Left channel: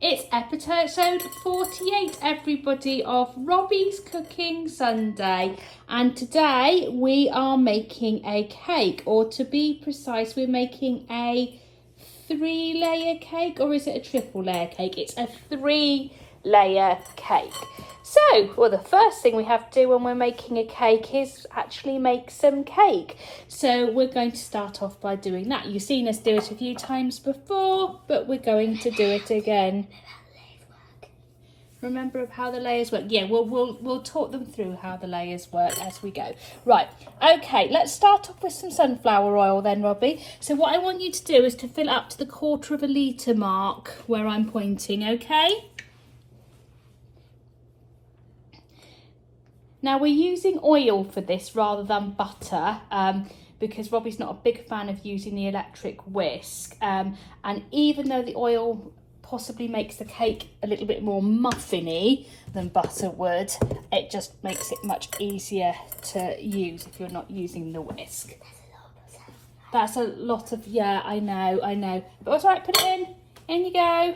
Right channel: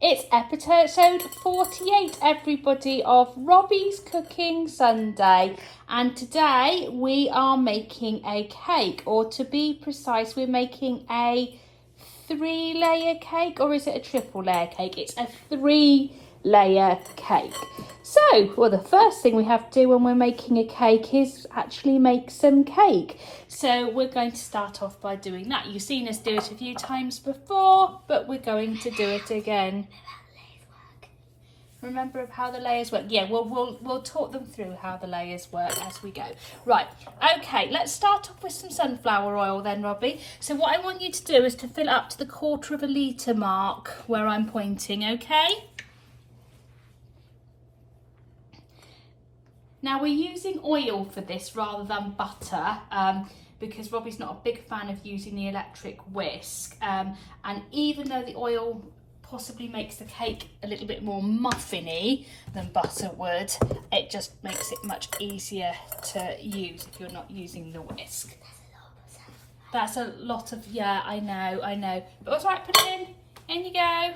It's episode 48, everybody, of Robbies Cooking Sunday. And today we are making a cake, or to be precise, we're making a 3-layer cake, or is it a triple layer cake? It's a 3-layer cake. So, well, the first thing we have to do when we're making a cake is actually make some cake. So we're going to start off by doing that. You've seen us do it a few times before, but we're going to do it again. Remember how the layers work? Yeah, we'll talk them through how the layers work as we go. Right, okay, let's start off with some sunflower oil then, Robbie. So what I want you to do is to fill up to the 1/4 litre mark where I'm pointing, okay? Now we're using oil for this rather than butter because Robbie's not a big fan of using the electric whisk. And even though the oil possibly makes the cake a little bit more muffiny than butter would, it just makes it much easier to use if you're not using the whisk. That's a lot of, yeah, I know. But it's all right, put it in. In you go.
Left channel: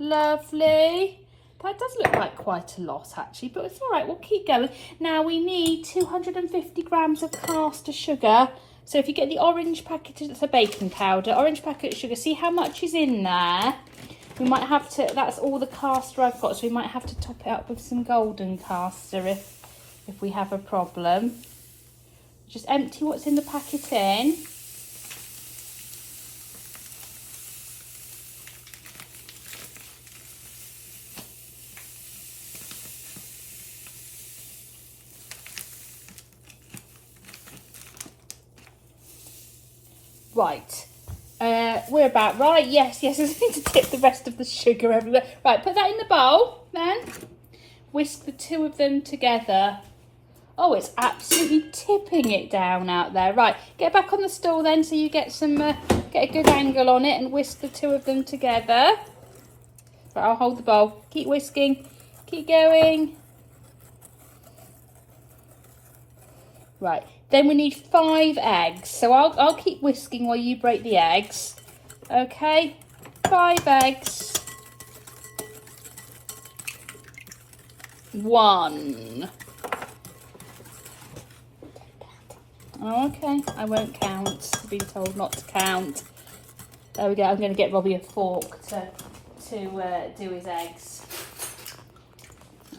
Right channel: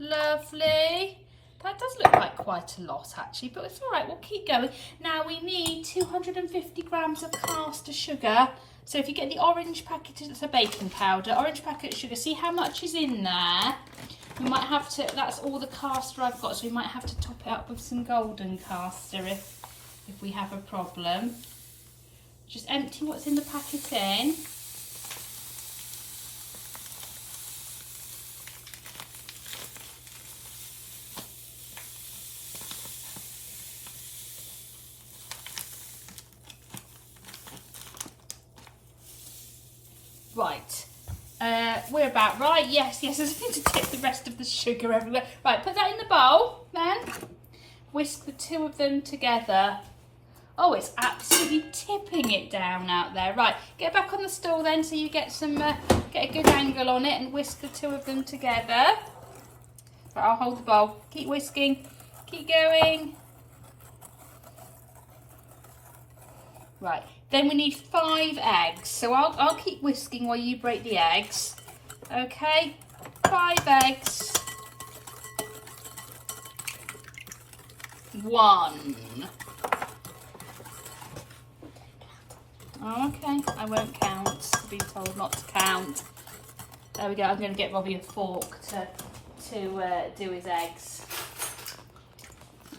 Lovely. That does look like quite a lot actually, but it's all right, we'll keep going. Now we need 250 grams of caster sugar. So if you get the orange packet, it's a baking powder, orange packet of sugar, see how much is in there? We might have to, that's all the caster I've got, so we might have to top it up with some golden caster if we have a problem. Just empty what's in the packet in. Right, we're about right. Yes, I just need to tip the rest of the sugar everywhere. Right, put that in the bowl then. Whisk the two of them together. Oh, it's absolutely tipping it down out there. Right, get back on the stool then so you get some, get a good angle on it and whisk the two of them together. Right, I'll hold the bowl. Keep whisking, keep going. Right. Then we need 5 eggs. So I'll keep whisking while you break the eggs. Okay, 5 eggs. 1. Okay, I won't count. I've been told not to count. There we go. I'm going to get Robbie a fork to do his eggs.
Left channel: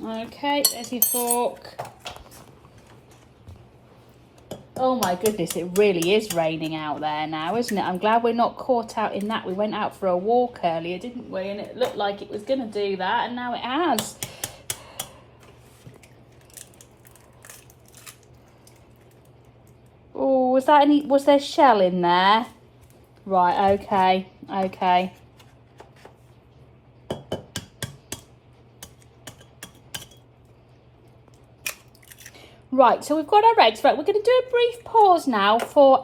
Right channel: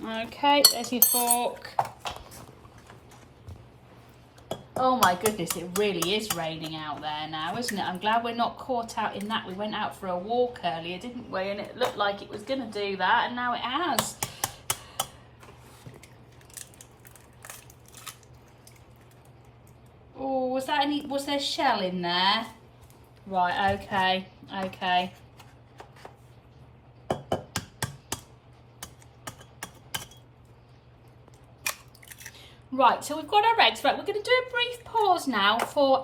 Okay, there's your fork. Oh my goodness, it really is raining out there now, isn't it? I'm glad we're not caught out in that. We went out for a walk earlier, didn't we? And it looked like it was going to do that, and now it has. Oh, was there shell in there? Right, okay. Right, so we've got our eggs. Right, we're going to do a brief pause now for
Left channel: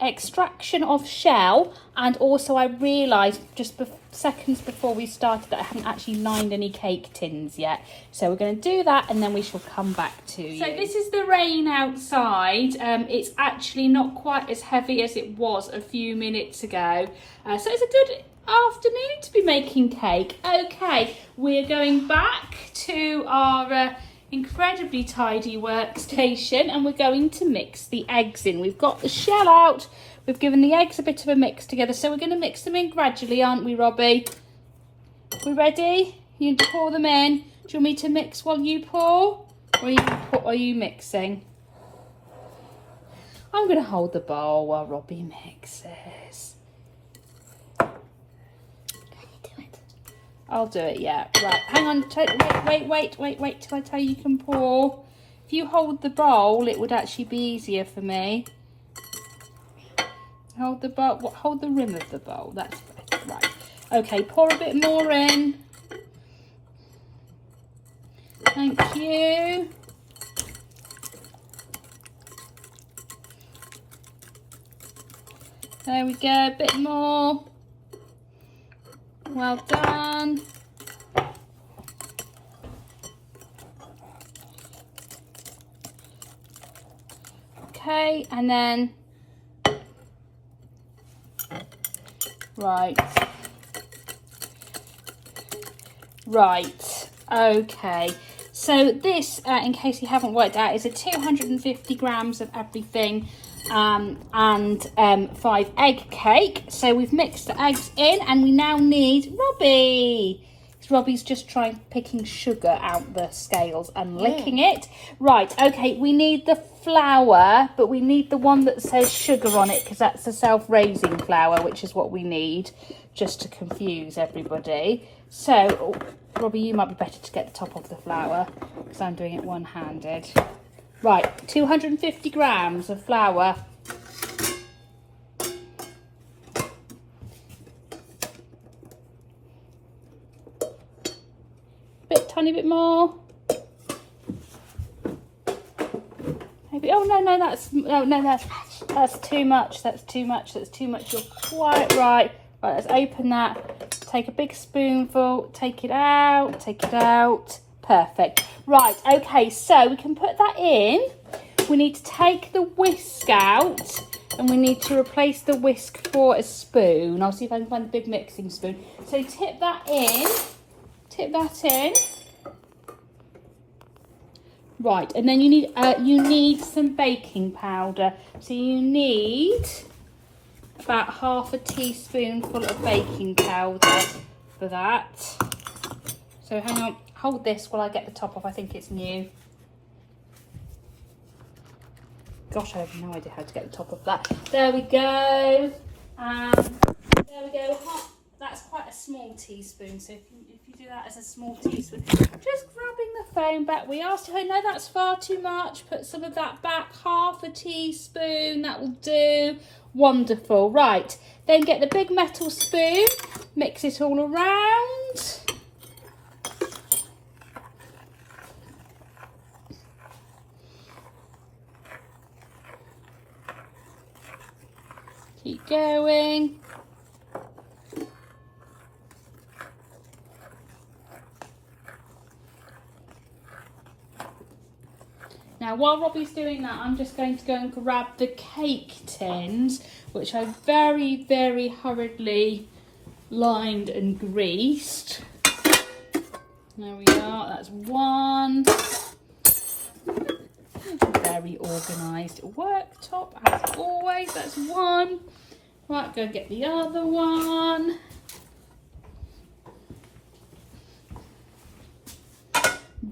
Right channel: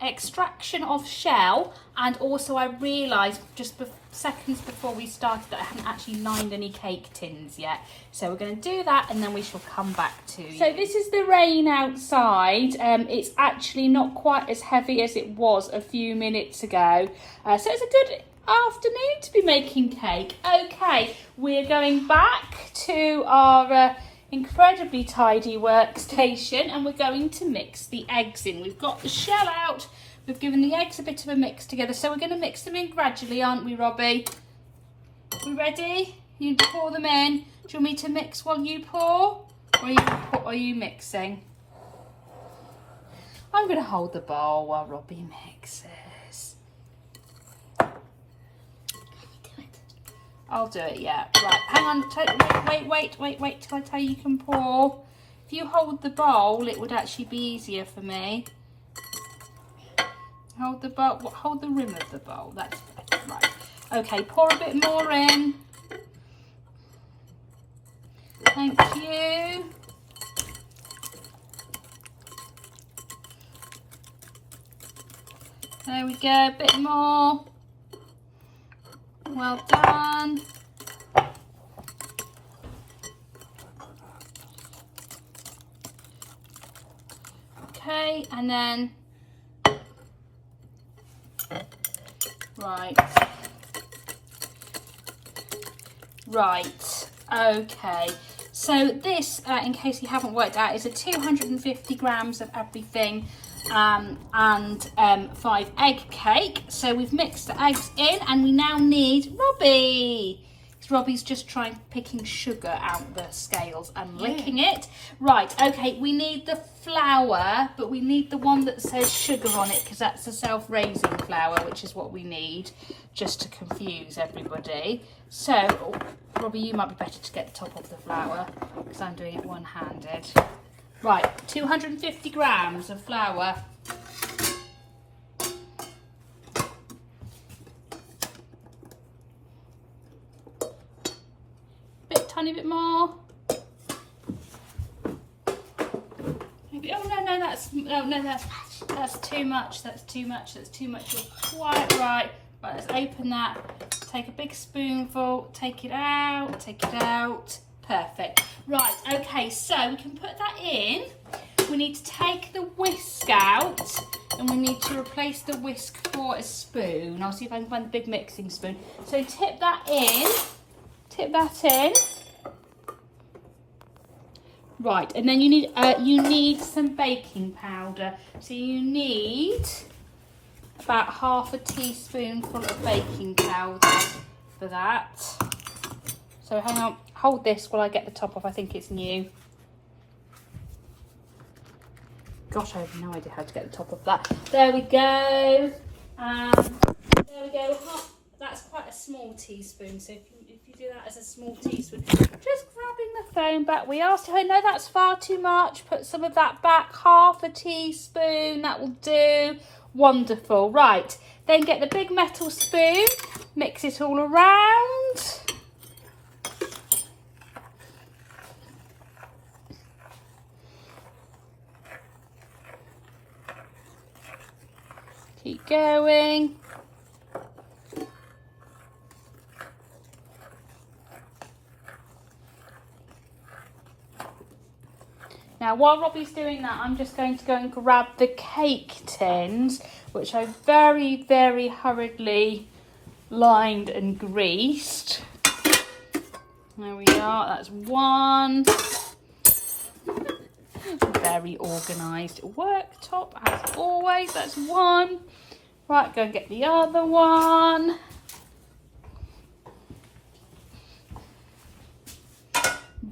extraction of shell, and also I realised just seconds before we started that I haven't actually lined any cake tins yet. So we're going to do that and then we shall come back to you. So this is the rain outside. It's actually not quite as heavy as it was a few minutes ago. So it's a good afternoon to be making cake. Okay, we're going back to our incredibly tidy workstation and we're going to mix the eggs in. We've got the shell out, we've given the eggs a bit of a mix together, so we're going to mix them in gradually, aren't we, Robbie? We ready? You pour them in. Do you want me to mix while you pour? Or are you mixing? I'm going to hold the bowl while Robbie mixes. I'll do it, yeah. Right, hang on, wait till I tell you can pour. If you hold the bowl, it would actually be easier for me. Hold the bowl, hold the rim of the bowl, that's better, right. Okay, pour a bit more in. Thank you. There we go, a bit more. Well done. Okay, and then Right. Right, okay. So this, in case you haven't worked out, is a 250 grams of everything and 5 egg cake. So we've mixed the eggs in and we now need Robbie. Robbie's just trying picking sugar out the scales and licking it. Right, okay, we need the flour, but we need the one that says sugar on it because that's a self-raising flour, which is what we need, just to confuse everybody. So, oh, Robbie, you might be better to get the top of the flour because I'm doing it one-handed. Right, 250 grams of flour. Tiny bit more. Maybe. Oh no, that's too much. That's too much. That's too much. You're quite right. Right, let's open that. Take a big spoonful. Take it out. Take it out. Perfect. Right. Okay. So we can put that in. We need to take the whisk out, and we need to replace the whisk for a spoon. I'll see if I can find a big mixing spoon. So tip that in. Tip that in. Right, and then you need some baking powder. So you need about half a teaspoonful of baking powder for that. So hang on, hold this while I get the top off. I think it's new. Gosh, I have no idea how to get the top of that. There we go. There we go. That's quite a small teaspoon, so if you do that as a small teaspoon, just grabbing the phone back. We asked her, no, that's far too much. Put some of that back, half a teaspoon, that will do. Wonderful. Right, then get the big metal spoon, mix it all around. Keep going. Now, while Robbie's doing that, I'm just going to go and grab the cake tins, which I very, very hurriedly lined and greased. There we are, that's one. Very organised worktop, as always, that's one. Right, go and get the other one.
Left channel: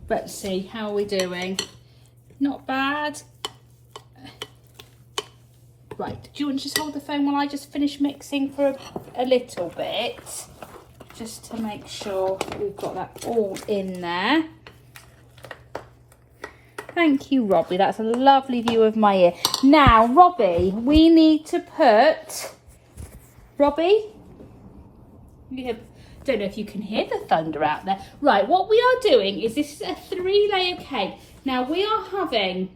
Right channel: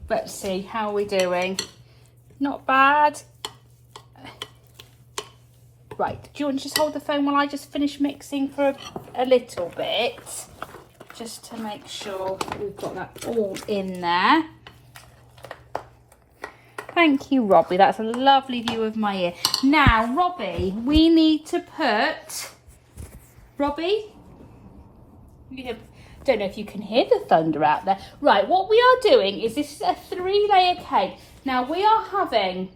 Let's see, how are we doing? Not bad. Right, do you want to just hold the phone while I just finish mixing for a little bit? Just to make sure that we've got that all in there. Thank you, Robbie. That's a lovely view of my ear. Now, Robbie, we need to put... Robbie? Don't know if you can hear the thunder out there. Right, what we are doing is this is a 3-layer cake. Now we are having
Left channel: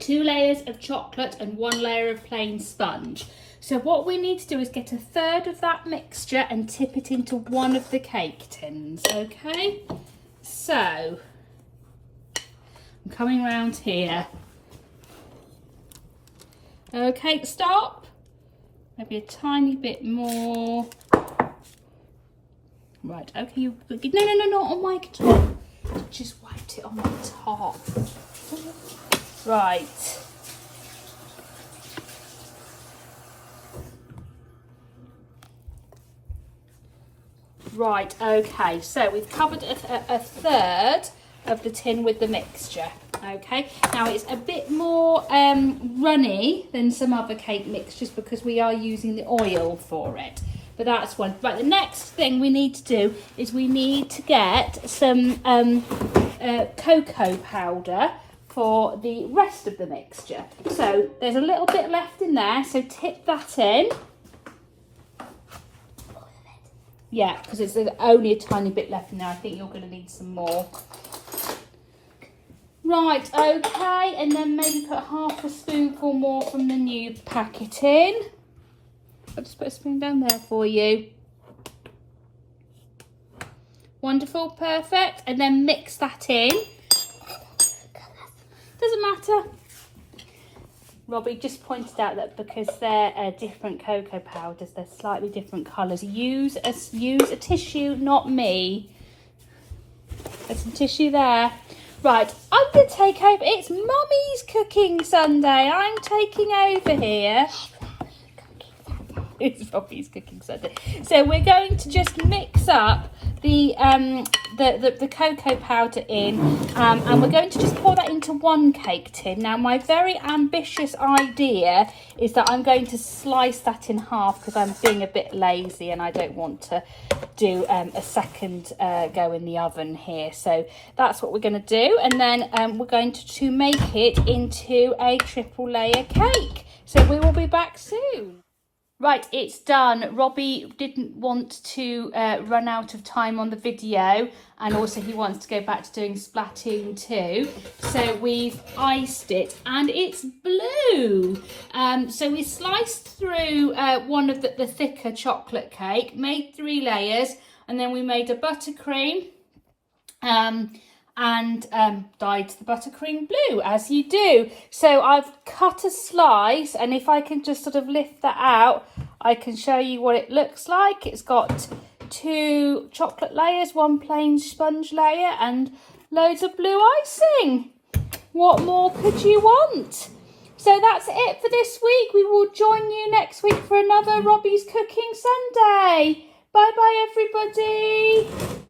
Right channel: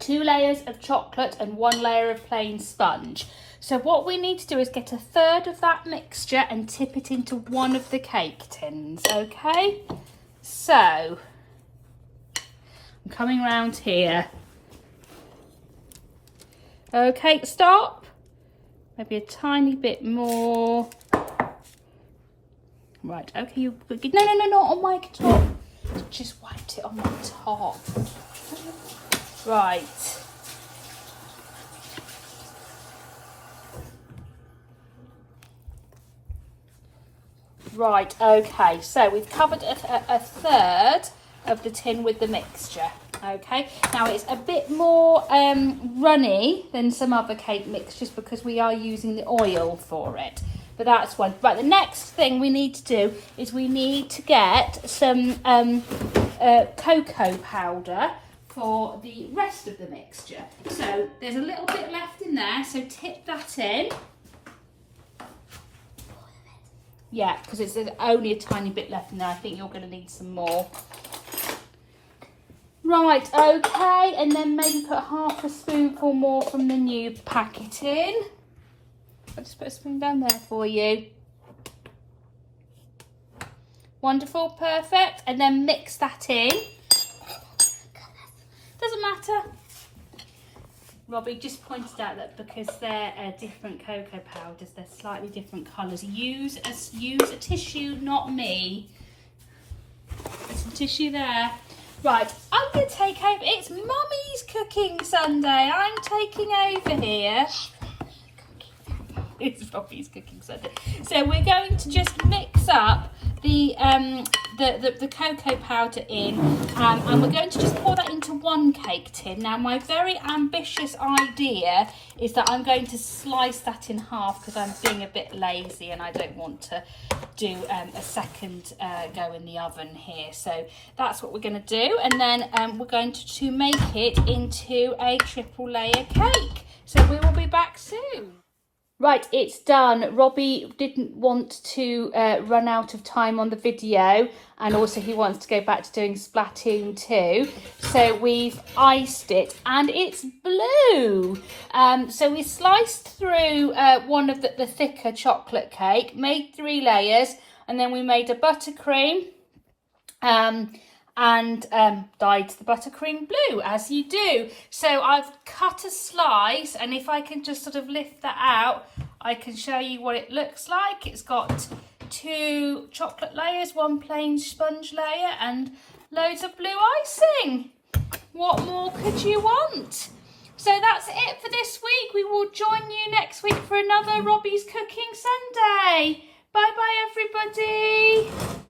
2 layers of chocolate and 1 layer of plain sponge. So what we need to do is get a third of that mixture and tip it into one of the cake tins, okay? So, I'm coming round here. Okay, stop. Maybe a tiny bit more. Right, okay, you no, not on my top. Just wiped it on my top. Right. Right, okay, so we've covered a third of the tin with the mixture. Okay, now it's a bit more runny than some other cake mixtures because we are using the oil for it. But that's one. Right, the next thing we need to do is we need to get some cocoa powder for the rest of the mixture. So there's a little bit left in there, so tip that in. Yeah, because it's only a tiny bit left in there. I think you're going to need some more. Right, okay, and then maybe put half a spoonful more from the new packet in. I'll just put a spoon down there for you. Wonderful, perfect. And then mix that in. Doesn't matter. Robbie just pointed out that because they're different cocoa powders, they're slightly different colours. Use a tissue, not me. There's some tissue there. Right, I'm going to take over. It's Mummy's Cooking Sunday. I'm taking over here. It's Robbie's Cooking Sunday. So we're going to just mix up the cocoa powder in, and we're going to just pour that into one cake tin. Now, my very ambitious idea is that I'm going to slice that in half because I'm being a bit lazy and I don't want to do a second go in the oven here. So that's what we're going to do, and then we're going to make it into a triple layer cake. So we will be back soon. Right, it's done. Robbie didn't want to run out of time on the video, and also he wants to go back to doing Splatoon 2. So we've iced it and it's blue. So we sliced through one of the thicker chocolate cake, made 3 layers, and then we made a buttercream and dyed the buttercream blue, as you do. So I've cut a slice, and if I can just sort of lift that out, I can show you what it looks like. It's got 2 chocolate layers, 1 plain sponge layer, and loads of blue icing. What more could you want? So that's it for this week. We will join you next week for another Robbie's Cooking Sunday. Bye bye, everybody.